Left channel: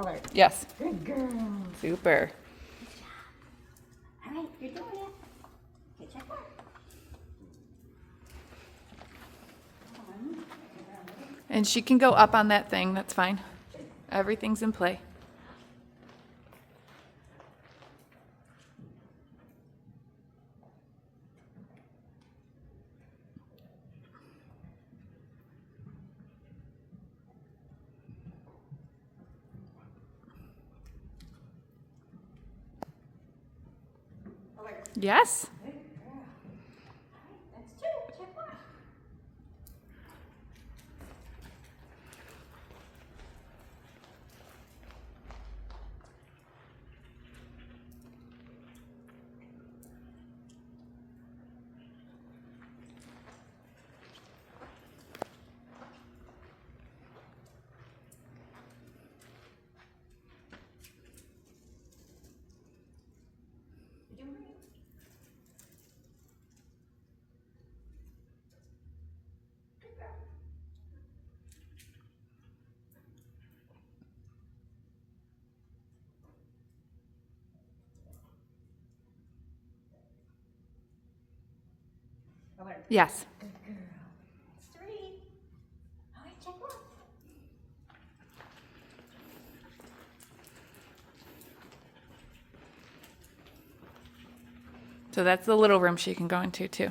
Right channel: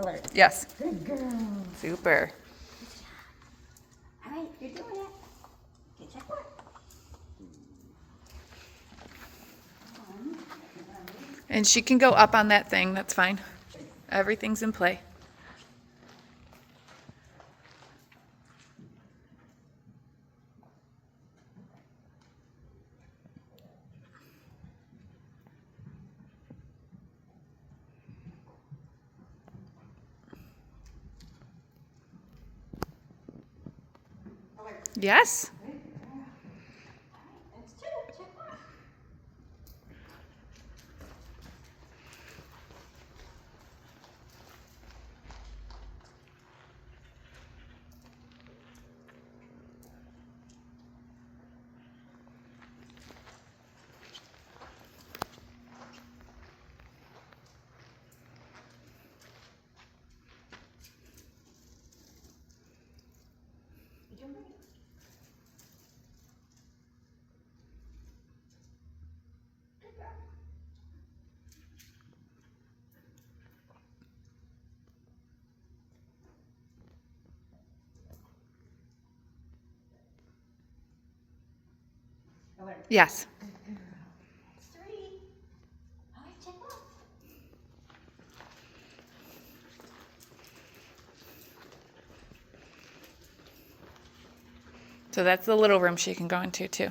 Okay. Yes. Good girl. Super. All right, you're doing it. Get your foot. And she can go up on that thing. That's fine. Everything's in play. Yes. That's two. Check one. You're doing great. Good girl. Okay. Yes. Good girl. That's three. All right, check one. So that's the little room she can go into too.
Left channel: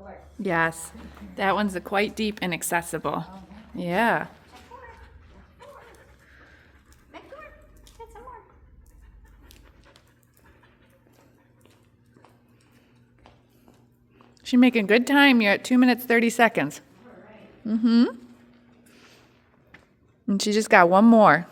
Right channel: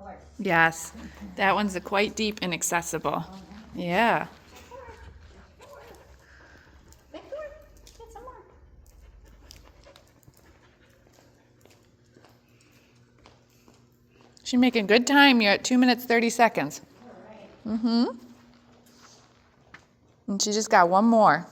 Okay. Yes. That one's quite deep and accessible. Yeah. Check four. Get some more. She's making good time. You're at 2 minutes, 30 seconds. Mm-hmm. And she just got one more.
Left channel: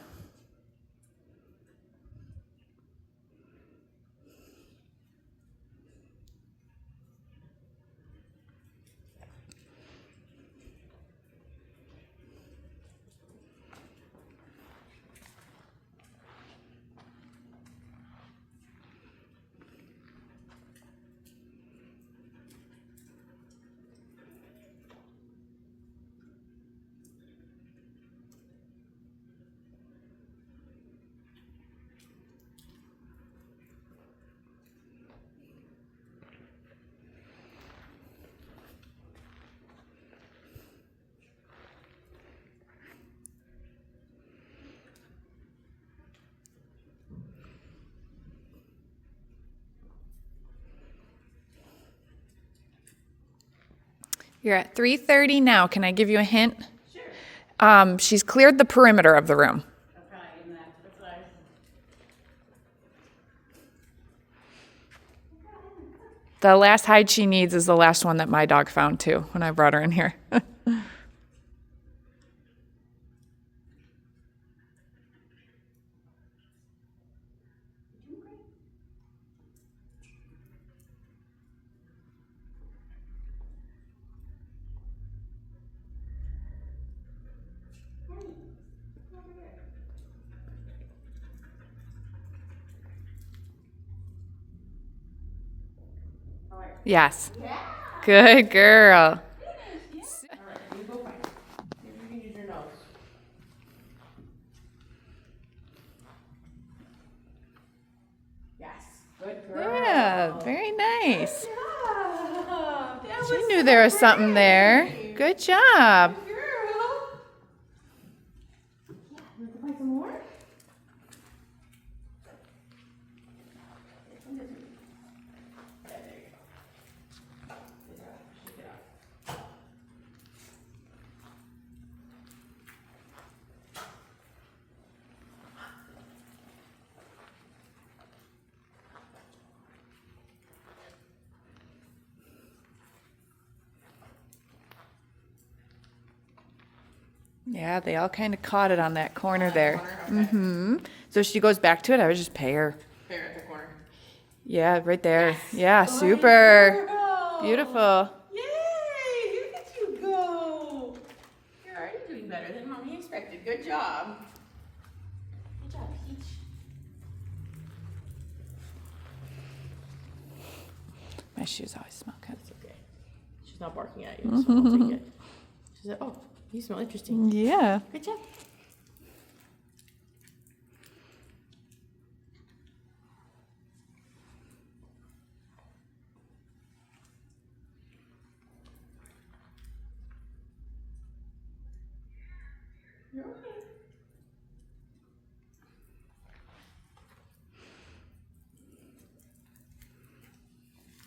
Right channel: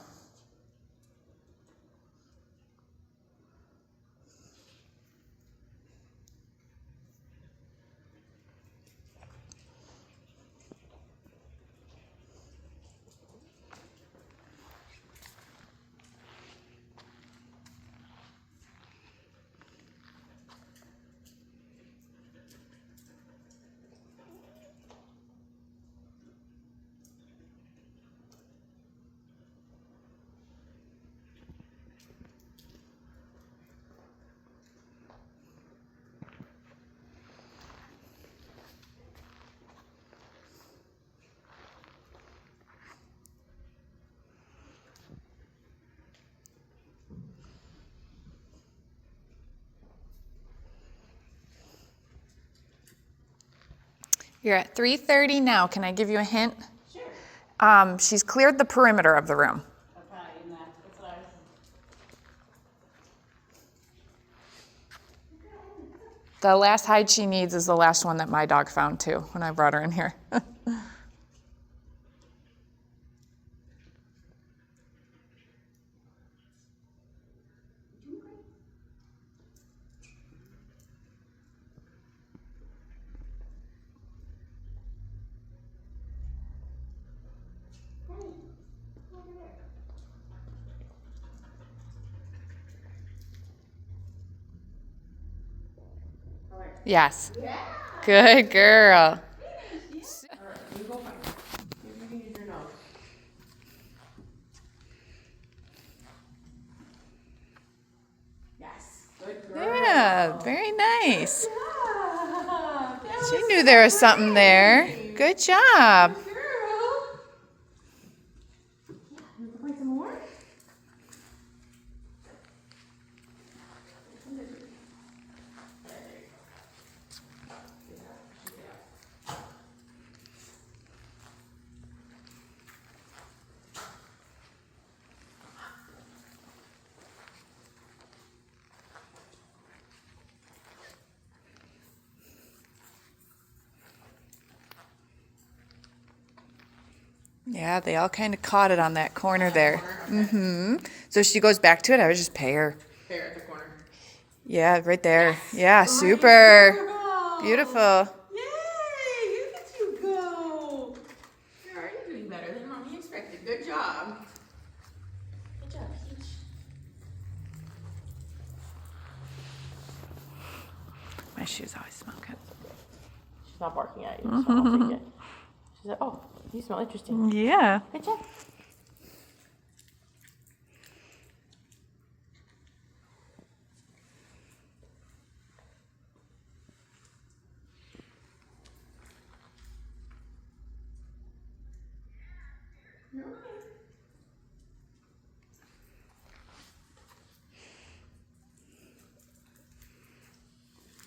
You're at 3:30 now. Can I give you a hint? Sure. She's cleared the perimeter of the room. Okay, and that's what I was. The last hide she needs is the last one that my dog found too when I brought her in here. Yes. Yeah. Good girl. Finish. Yeah. All right, you go back. You can use your nose. Yes. Good girl. Yeah, very nice. Yeah. That She was knew there was so something there. great. Good job. Good girl. Yeah. You can play some more. Yeah, they all kind of caught it on that corner there. Okay. Mm-hmm. So she goes back to it. I would just pay her. Fair at the corner. Yeah, right there. Yeah, super. Girl. Beautiful. Yay! Look at you go. You're already doing better than Mommy expected. Good job. Good job, Peach. My shoes always smell good. That's okay. She's not barking at you, so I'll take it. She said, oh, you smell interesting. Yeah. Good job.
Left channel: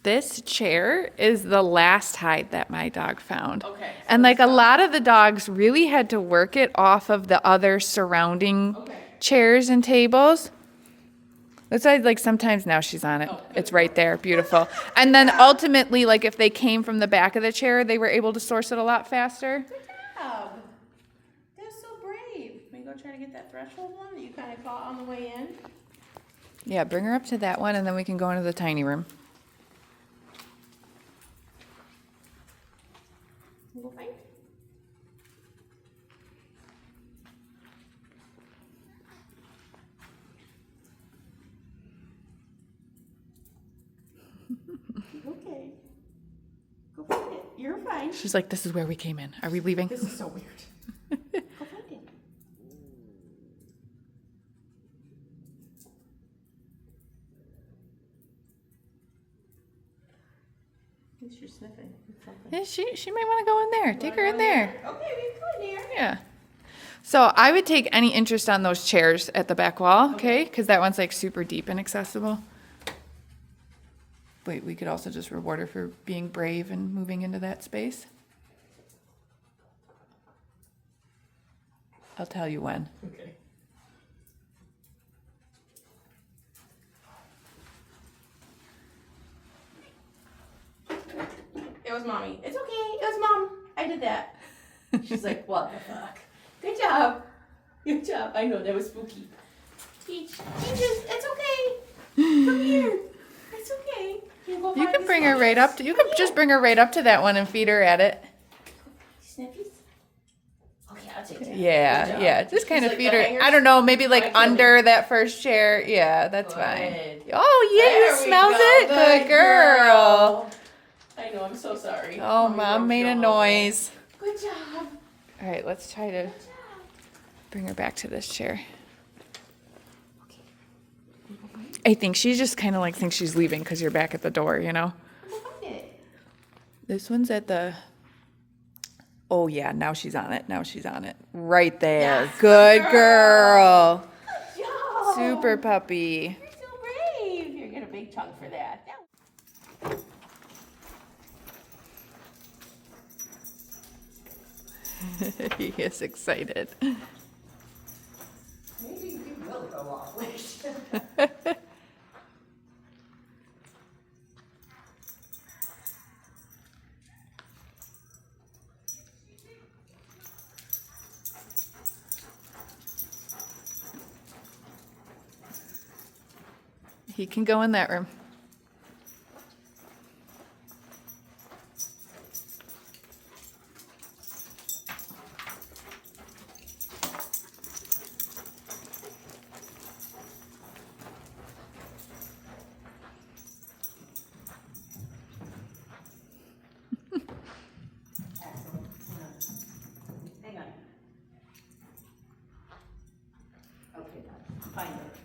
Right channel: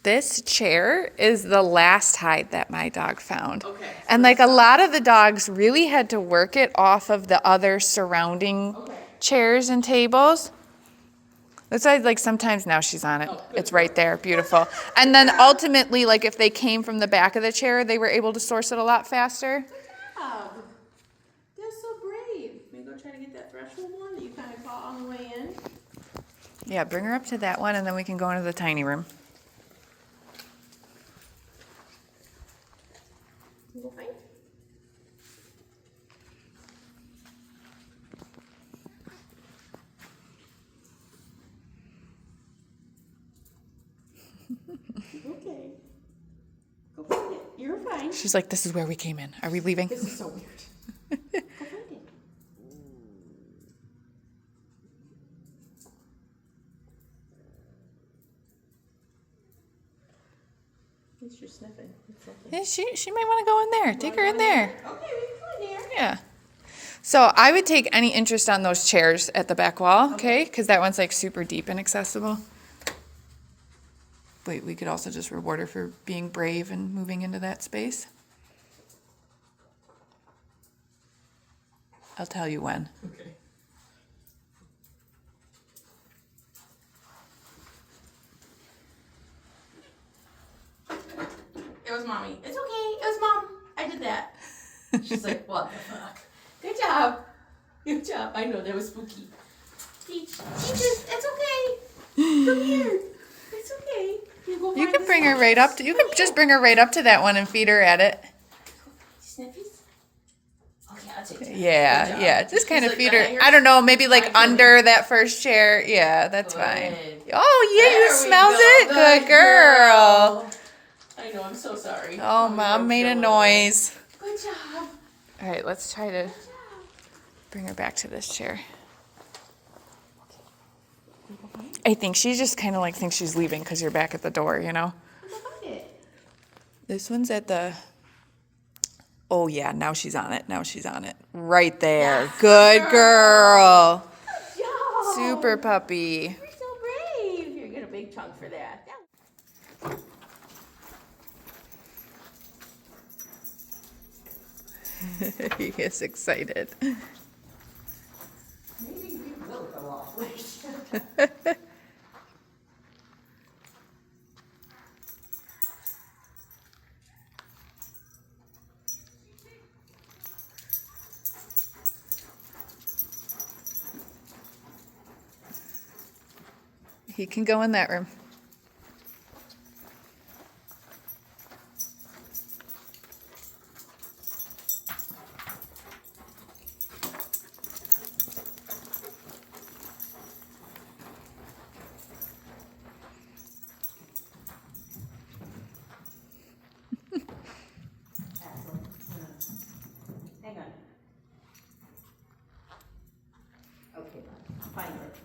This chair is the last hide that my dog found. Okay. And like a lot of the dogs really had to work it off of the other surrounding chairs and tables. That's why like sometimes now she's on it. It's right there. Beautiful. And then ultimately, like if they came from the back of the chair, they were able to source it a lot faster. Job. That's so brave. Maybe go try to get that threshold one that you kind of caught on the way in. Yeah, bring her up to that one and then we can go into the tiny room. You go find? Okay. Go find it. You're fine. She's like, this is where we came in. Are we leaving? This is so weird. Go find it. At least you're sniffing. It's something. Yeah, she might want to go in there. Take her in there. Okay, we can go in there. Yeah. So I would take any interest on those chairs at the back wall, okay? Because that one's like super deep and accessible. But we could also just reward her for being brave and moving into that space. I'll tell you when. Okay. It was Mommy. It's okay. It was Mom. I did that. She's like, what the fuck? Good job. Good job. I know that was spooky. Peach, it's okay. Come here. It's okay. Go You find can this bring her one. right up to, you can just bring her right up to that one and feed her at it. Sniffies? Okay, I'll take that. Good Yeah, job. yeah. Just She's kind of like feed the her. hangers? I don't know, maybe I like feel under that first chair. Yeah, that's fine. Good. Oh, yeah, There you we smells go. it. Good girl. I know, I'm so sorry. Oh, Mom made a noise. Good job. All right, let's try to bring her back to this chair. I think she just kind of like thinks she's leaving because you're back at the door, you know? Go find it. This one's at the, oh yeah, now she's on it. Now she's on it. Right there. Yes, Good girl. Good job. Super puppy. You're so brave. You're getting a big chunk for that. He is excited. Maybe we will go off leash. He can go in that room. Hang on. Okay, find it.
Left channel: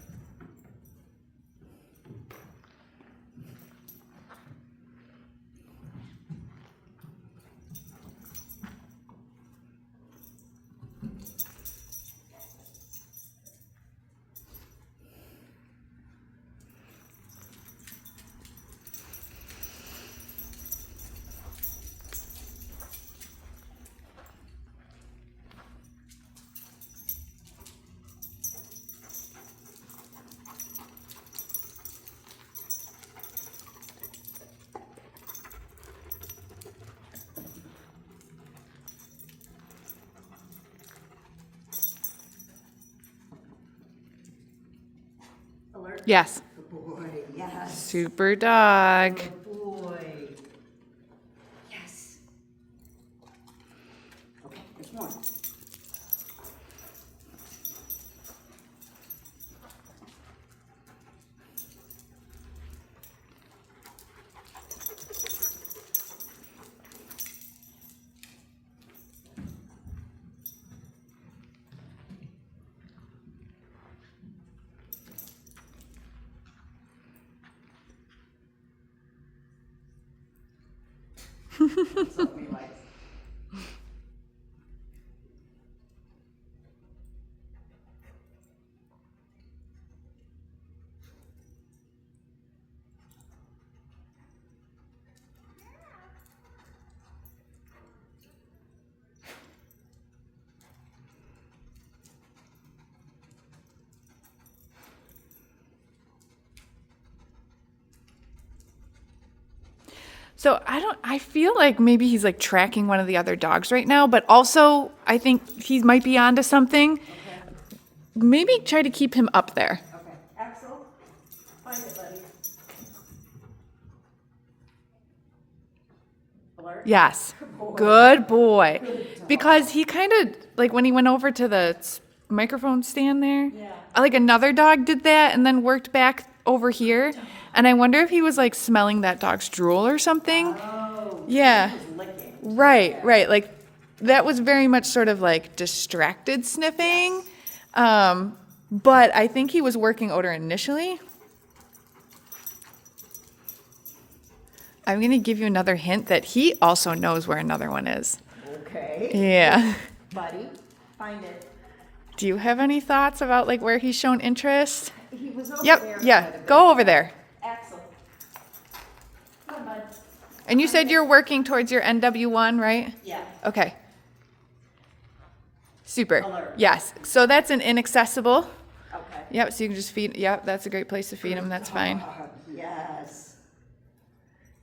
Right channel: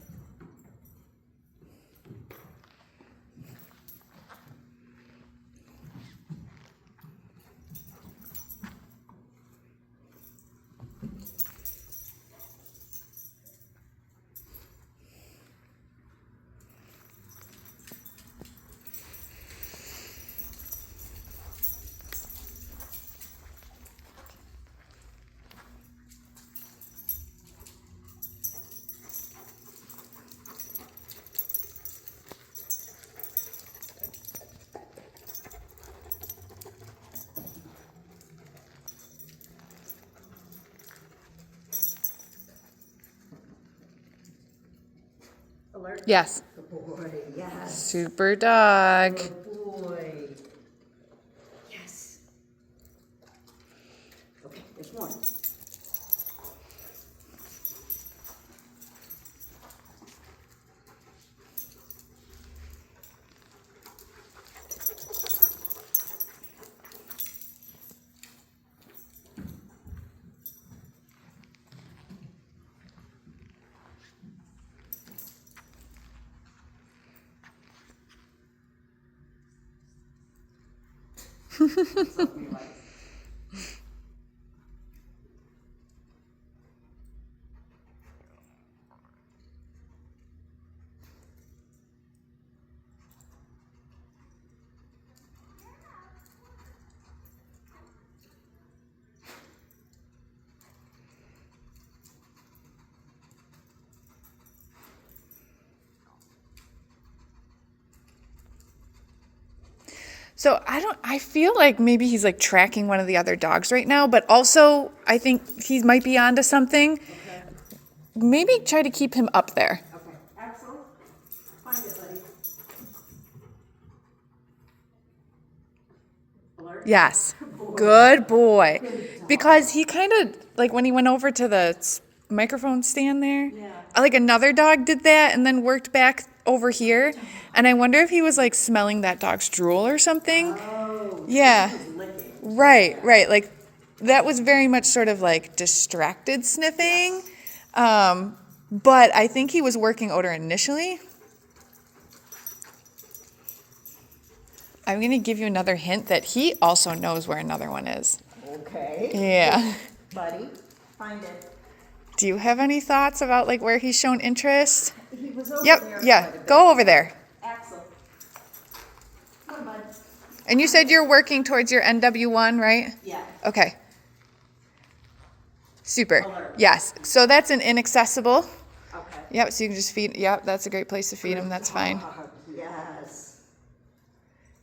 Alert. Yes. Good boy, yes. Super dog. Good boy. Yes. Okay, there's more. That's what we like. So I feel like maybe he's like tracking one of the other dogs right now, but also I think he might be onto something. Maybe try to keep him up there. Okay, Axel, find it, buddy. Alert. Yes. Good boy. Because he kind of, like when he went over to the microphone stand there, like another dog did that and then worked back over here. And I wonder if he was like smelling that dog's drool or something. Oh, Yeah. he was licking. Right. Like that was very much sort of like distracted sniffing. But I think he was working odor initially. I'm going to give you another hint that he also knows where another one is. Okay. Yeah. Buddy, find it. Do you have any thoughts about like where he's shown interest? He was over Yep, there. yeah. Go over there. Axel. Come on, bud. And you said you're working towards your NW1, right? Yeah. Okay. Super. Alert. Yes. So that's an inaccessible. Okay. Yep, so you can just feed. Yep, that's a great place to feed him. That's fine. Yes.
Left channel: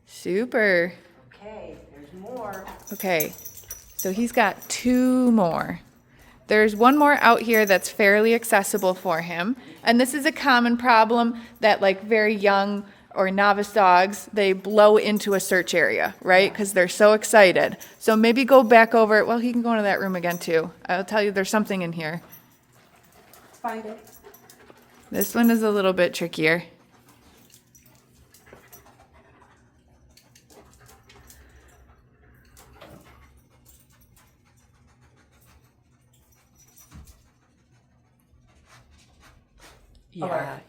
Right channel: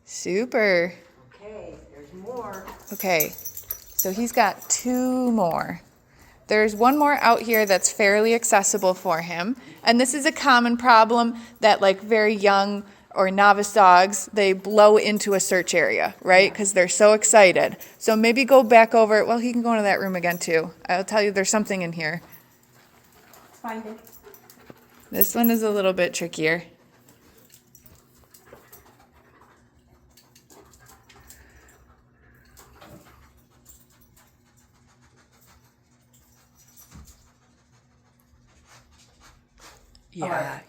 Super. Okay, there's more. Okay. So he's got 2 more. There's one more out here that's fairly accessible for him. And this is a common problem that like very young or novice dogs, they blow into a search area, right? Because they're so excited. So maybe go back over. Well, he can go into that room again too. I'll tell you there's something in here. Find it. This one is a little bit trickier.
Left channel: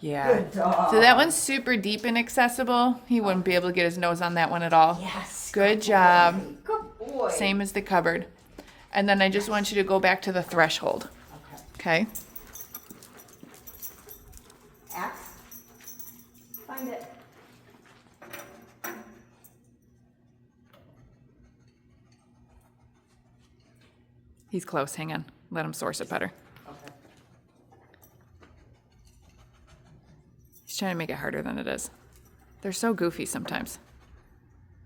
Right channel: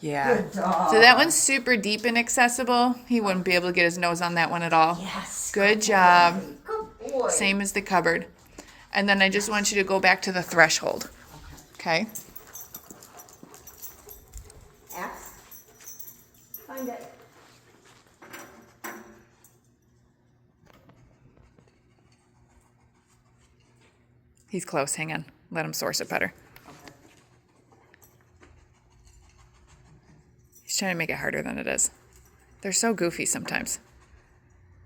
Yeah. Good dog. So that one's super deep and accessible. He wouldn't be able to get his nose on that one at all. Yes. Good job. Good boy. Same as the cupboard. And then I just want you to go back to the threshold. Okay. Okay? Axe. Find it. He's close. Hang on. Let him source it better. Okay. He's trying to make it harder than it is. They're so goofy sometimes.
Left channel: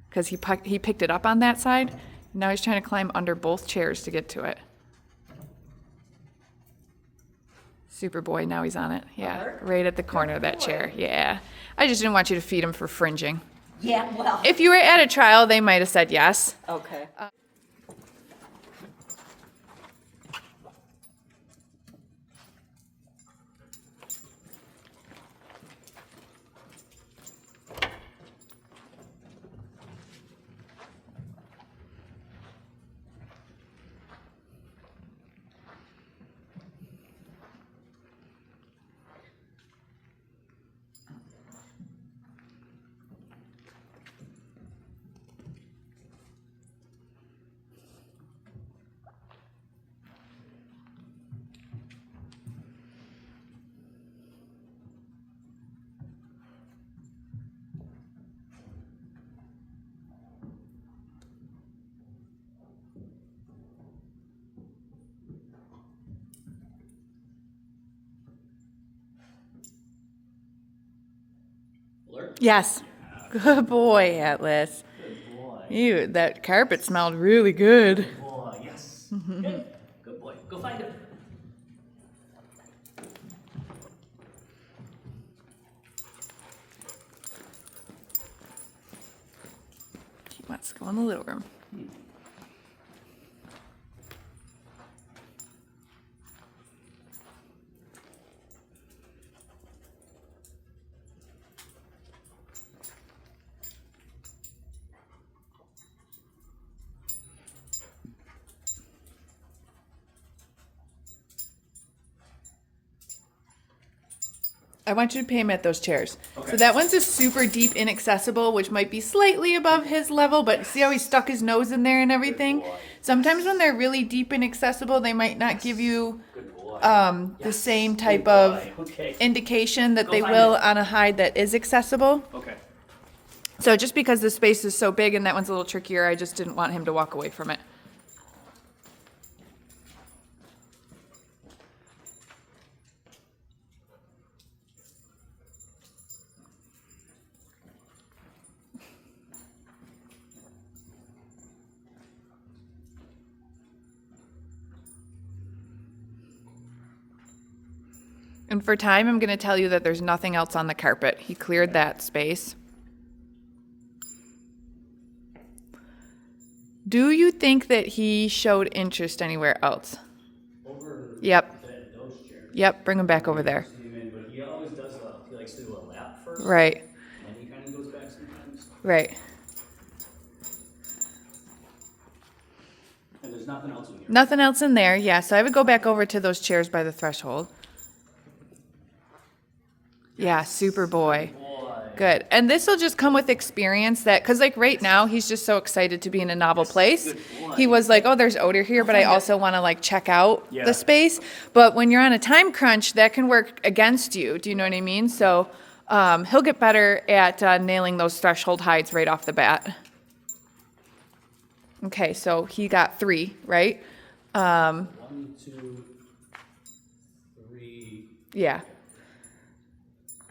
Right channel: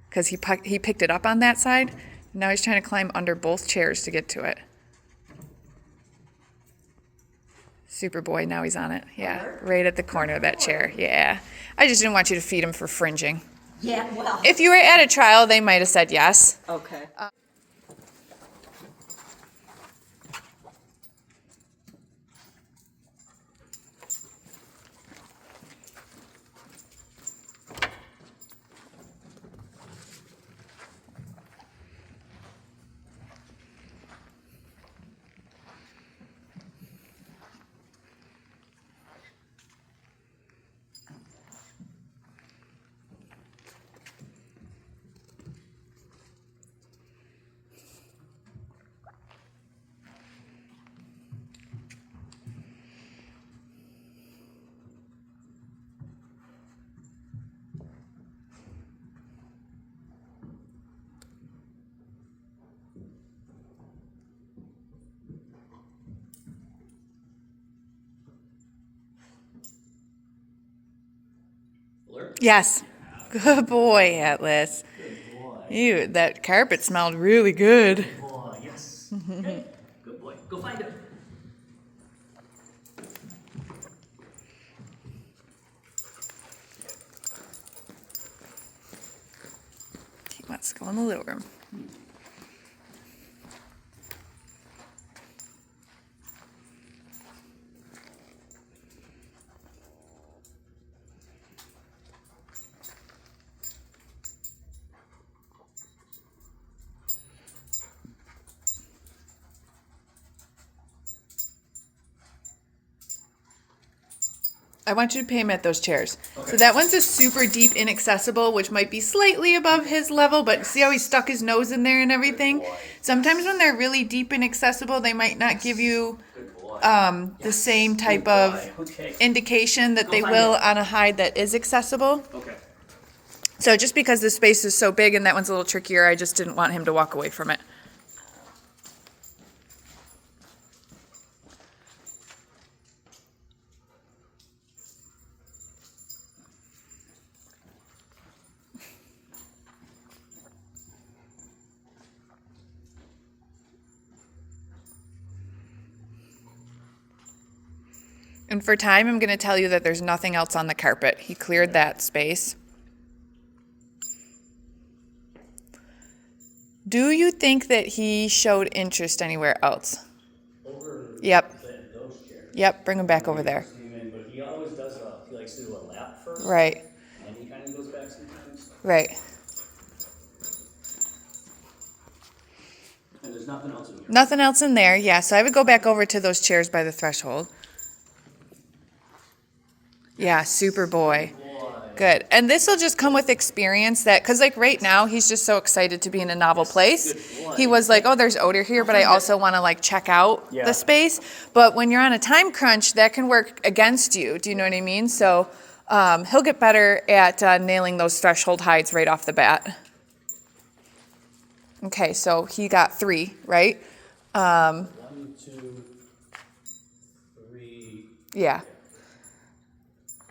Because he picked it up on that side. Now he's trying to climb under both chairs to get to it. Superboy, now he's on it. Yeah, right at the corner of that chair. Yeah. I just didn't want you to feed him for fringing. Yeah, well. If you were at a trial, they might have said yes. Okay. Yes. Good boy, Atlas. Good boy. Ew, that carpet smelled really good. Good boy. Yes. Good. Good boy. Go find him. Let's go in the little room. I want you to pay him at those chairs. Okay. So that one's a super deep inaccessible, which might be slightly above his level, but see how he stuck his nose in there and everything? Sometimes when they're really deep inaccessible, they might not give you Good boy. the same type Good of boy. Okay. indication that Go they find will it. on a hide that is accessible. Okay. So just because the space is so big and that one's a little trickier, I just didn't want him to walk away from it. And for time, I'm going to tell you that there's nothing else on the carpet. He cleared that space. Do you think that he showed interest anywhere else? Over Yep. those chairs. Yep, bring him back over there. But he always does he likes to do a lap first. Right, And he kind of goes back sometimes. right. And there's nothing else in here. Nothing else in there, yeah. So I would go back over to those chairs by the threshold. Yeah, super boy. Good. And this will just come with experience that, because like right now, he's just so excited to be in a novel place. He was like, oh, there's odor here, but I also want to like check out Yeah. the space. But when you're on a time crunch, that can work against you. Do you know what I mean? So he'll get better at nailing those threshold hides right off the bat. Okay, so he got 3, right? 1, 2, 3. Yeah.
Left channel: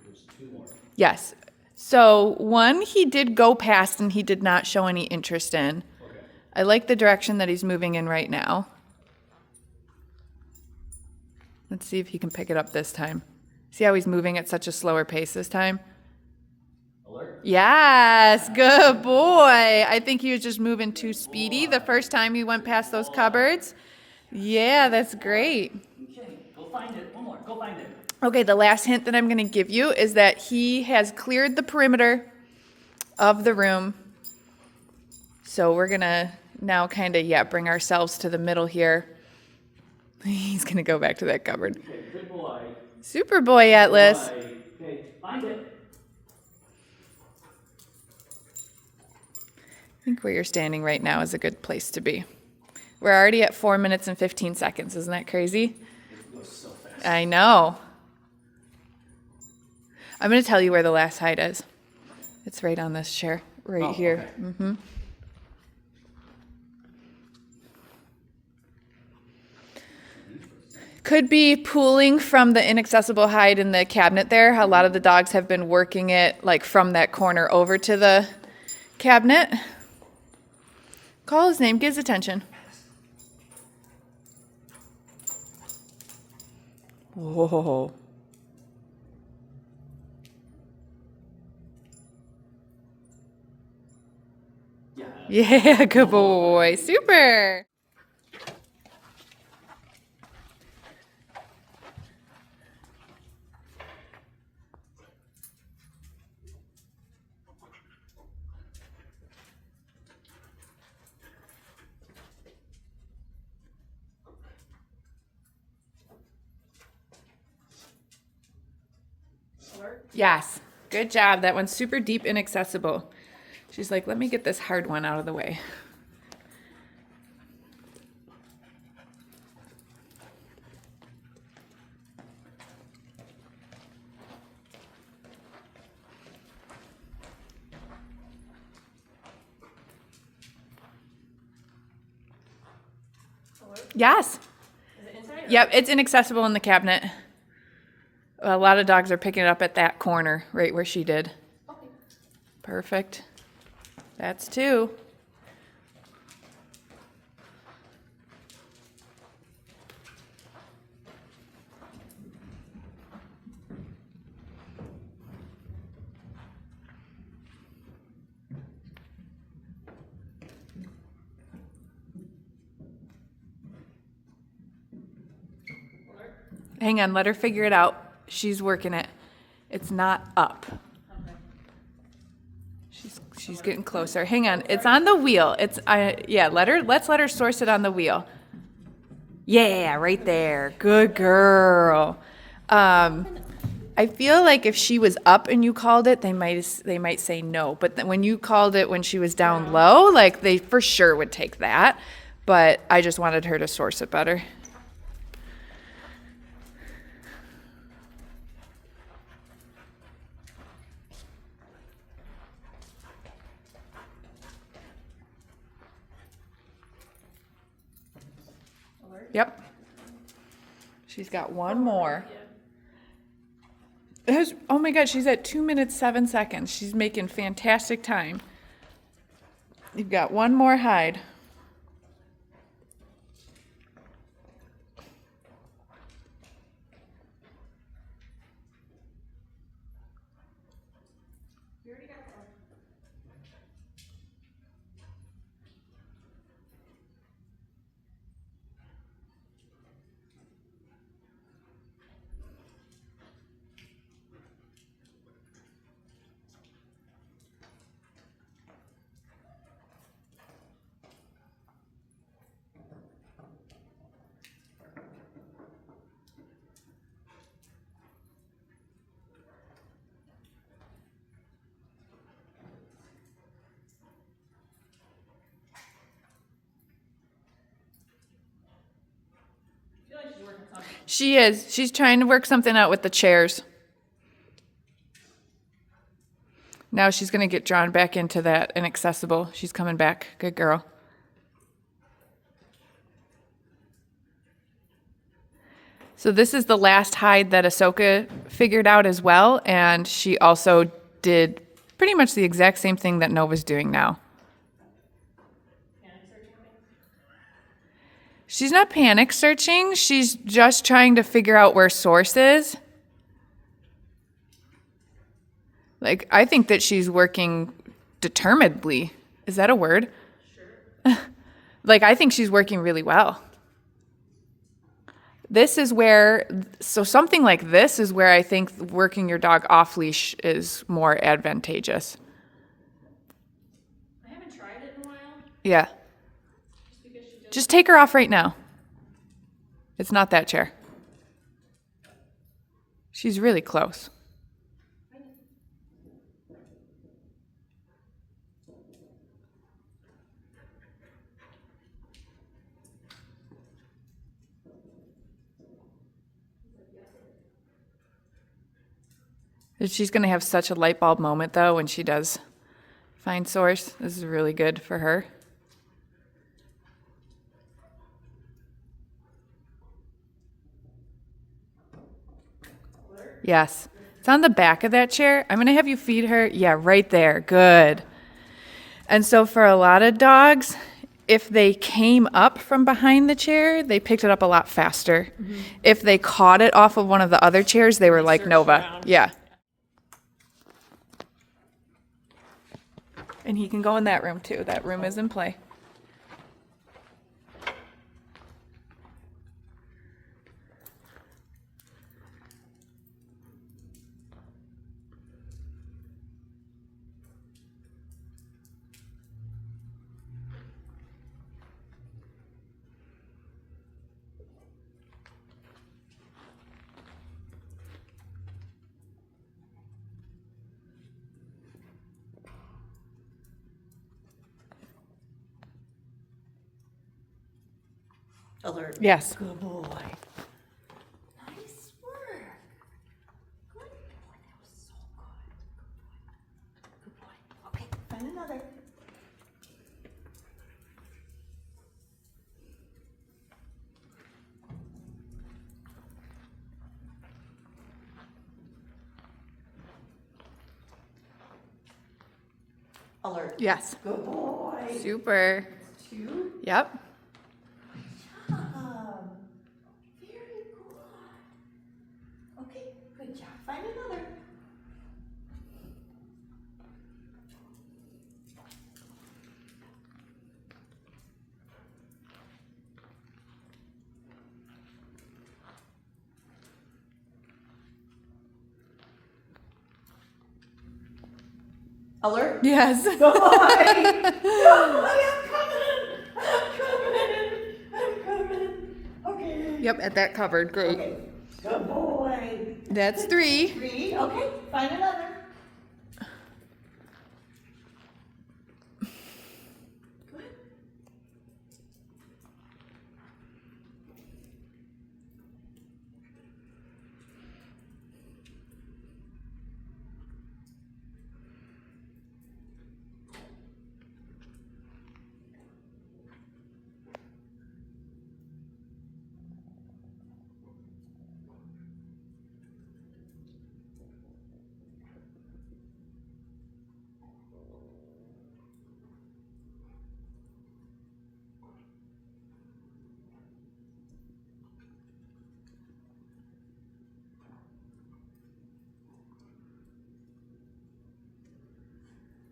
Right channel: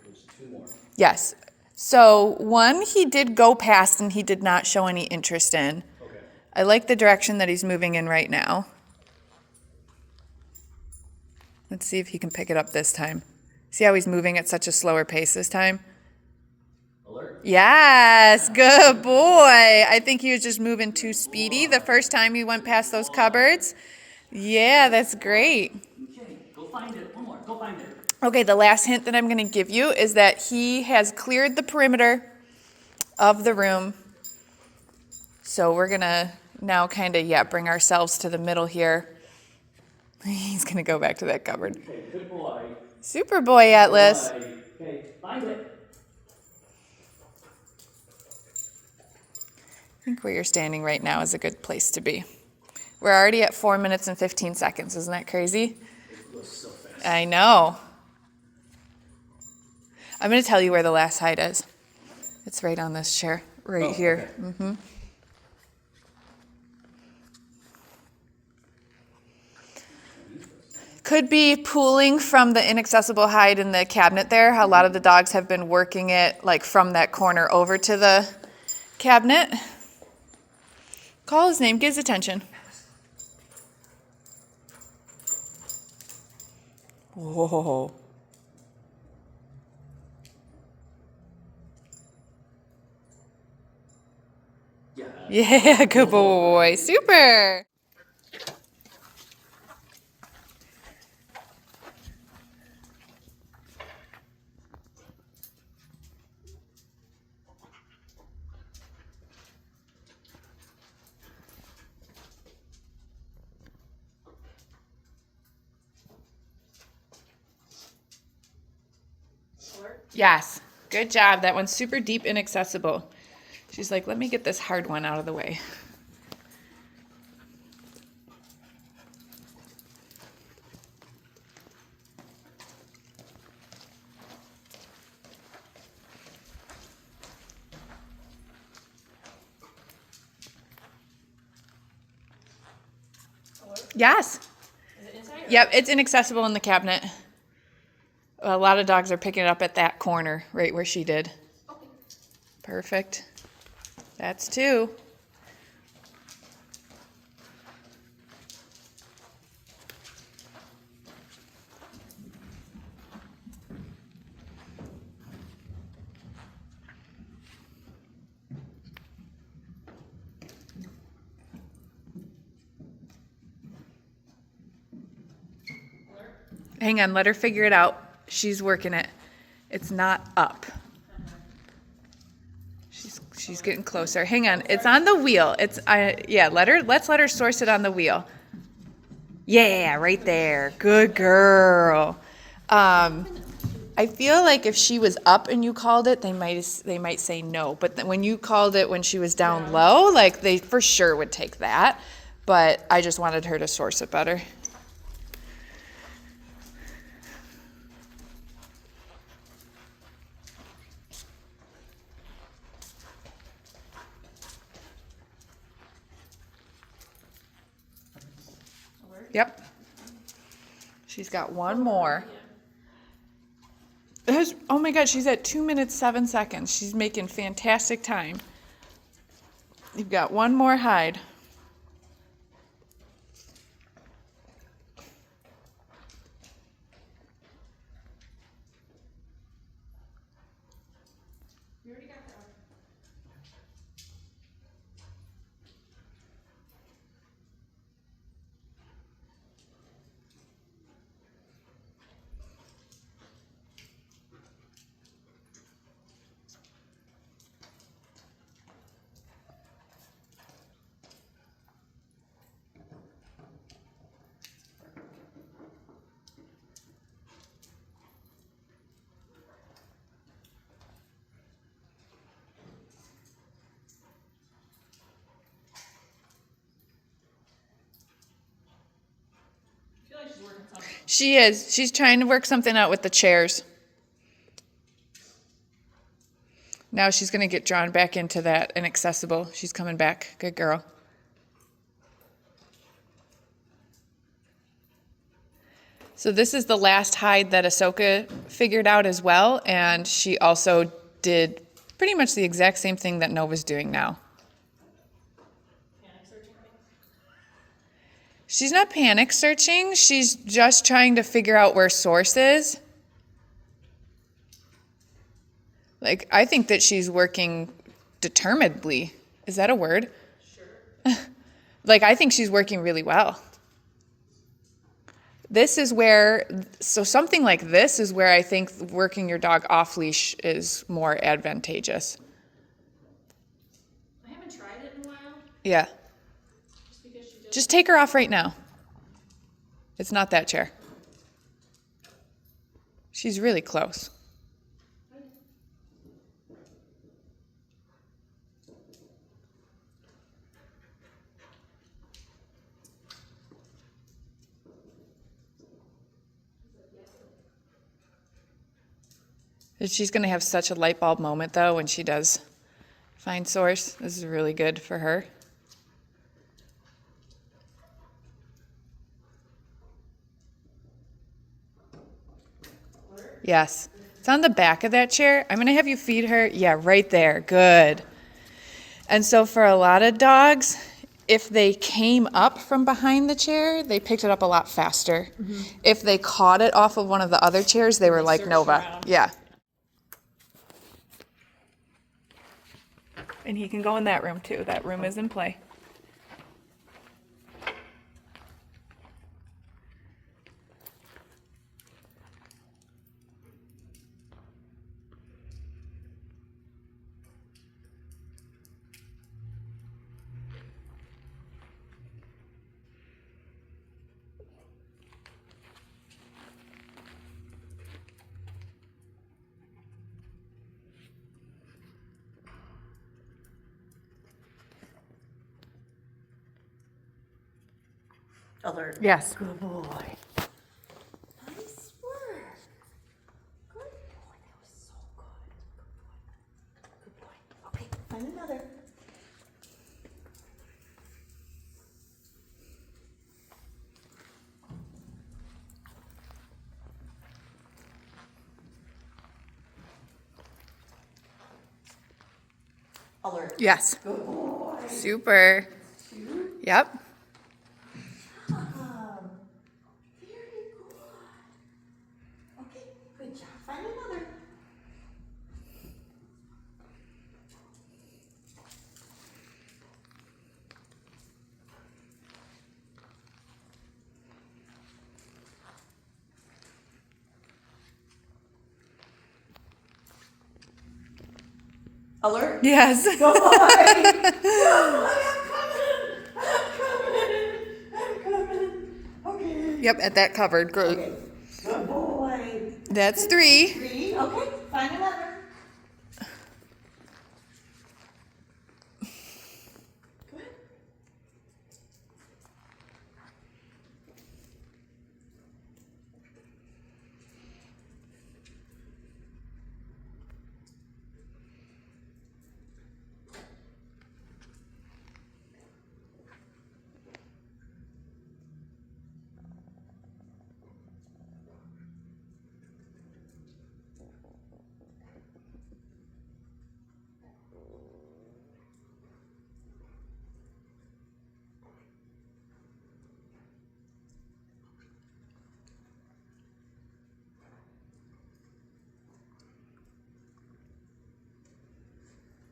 There's 2 more. Yes. So 1 he did go past and he did not show any interest in. Okay. I like the direction that he's moving in right now. Let's see if he can pick it up this time. See how he's moving at such a slower pace this time? Alert. Yes, good boy. I think he was just moving too speedy the first time he went past those cupboards. Yeah, that's great. Okay. Go find it. One more. Go find it. Okay, the last hint that I'm going to give you is that he has cleared the perimeter of the room. So we're going to now kind of, bring ourselves to the middle here. He's going to go back to that cupboard. Okay. Good boy. Super boy, Atlas. Okay. Find it. I think where you're standing right now is a good place to be. We're already at 4 minutes and 15 seconds. Isn't that crazy? It goes so fast. I know. I'm going to tell you where the last hide is. It's right on this chair, right here. Okay. Could be pooling from the inaccessible hide in the cabinet there. A lot of the dogs have been working it like from that corner over to the cabinet. Call his name, get his attention. Whoa. Yeah. Yeah, good boy. Super. Yes. Good job. That one's super deep inaccessible. She's like, let me get this hard one out of the way. Yes. Is it inside? Yep, it's inaccessible in the cabinet. A lot of dogs are picking it up at that corner, right where she did. Okay. Perfect. That's 2. Hang on, let her figure it out. She's working it. It's not up. She's getting closer. Hang on, it's on the wheel. Yeah, let's let her source it on the wheel. Yeah, right there. Good girl. I feel like if she was up and you called it, they might say no. But when you called it when she was down low, like they for sure would take that. But I just wanted her to source it better. Yep. She's got one more. Oh my God, she's at 2 minutes, 7 seconds. She's making fantastic time. You've got one more hide. She is. She's trying to work something out with the chairs. Now she's going to get drawn back into that inaccessible. She's coming back. Good girl. So this is the last hide that Ahsoka figured out as well, and she also did pretty much the exact same thing that Nova's doing now. She's not panic searching. She's just trying to figure out where source is. Like, I think that she's working determinedly. Is that a word? Sure. Like, I think she's working really well. This is where, so something like this is where I think working your dog off leash is more advantageous. I haven't tried it in a while. Yeah. Just take her off right now. It's not that chair. She's really close. She's going to have such a light bulb moment, though, when she does find source. This is really good for her. Yes. It's on the back of that chair. I'm going to have you feed her. Yeah, right there. Good. And so for a lot of dogs, if they came up from behind the chair, they picked it up a lot faster. Mm-hmm. If they caught it off of one of the other chairs, they were like Nova. Around. Yeah. And he can go in that room too. That room is in play. Alert. Yes. Good boy. Nice work. Good boy. That was so good. Good boy. Okay, find another. Alert. Yes. Good boy. Super. 2. Yep. Very good. Okay, good job. Find another. Alert. Yes. Good boy. Good boy. I'm coming. Okay. Yep, at that cupboard. Great. Okay. Good boy. That's 3. 3. Okay. Find another. Good.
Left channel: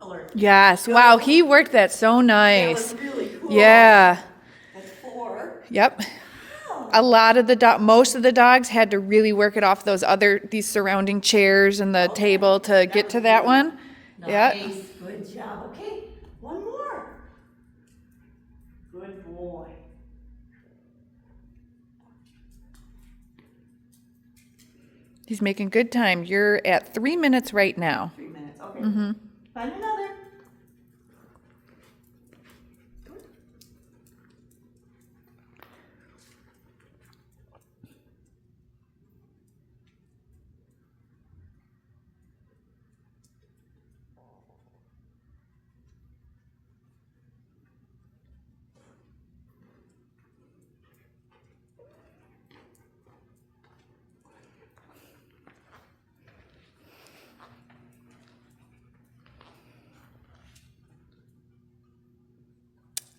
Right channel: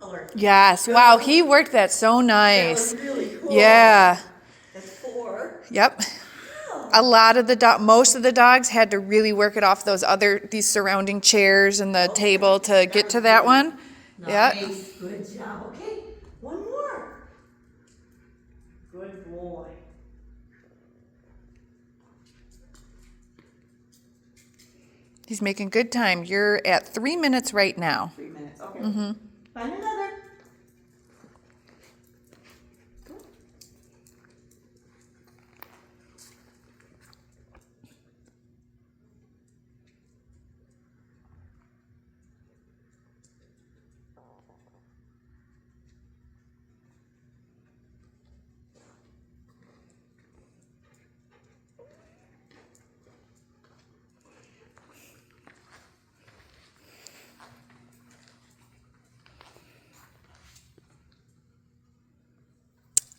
Alert. Yes. Wow, he worked that so That nice. was really cool. Yeah. That's 4. Yep. A lot of most of the dogs had to really work it off these surrounding chairs and the table to get to that one. Yep. Nice. Good job. Okay. One more. Good boy. He's making good time. You're at 3 minutes right now. 3 minutes. Okay. Mm-hmm. Find another.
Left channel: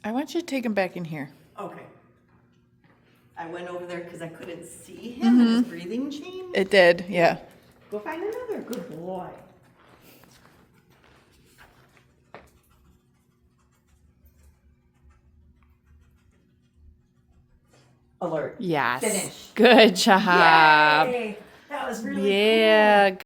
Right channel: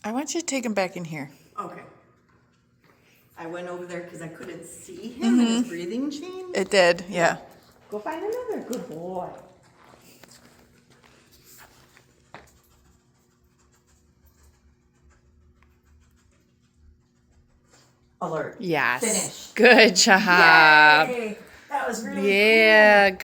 I want you to take him back in here. Okay. I went over there because I couldn't see him. His breathing changed. It did, yeah. Go find another. Good boy. Alert. Yes. Finish. Good job. Yay. That was really cool. Yeah.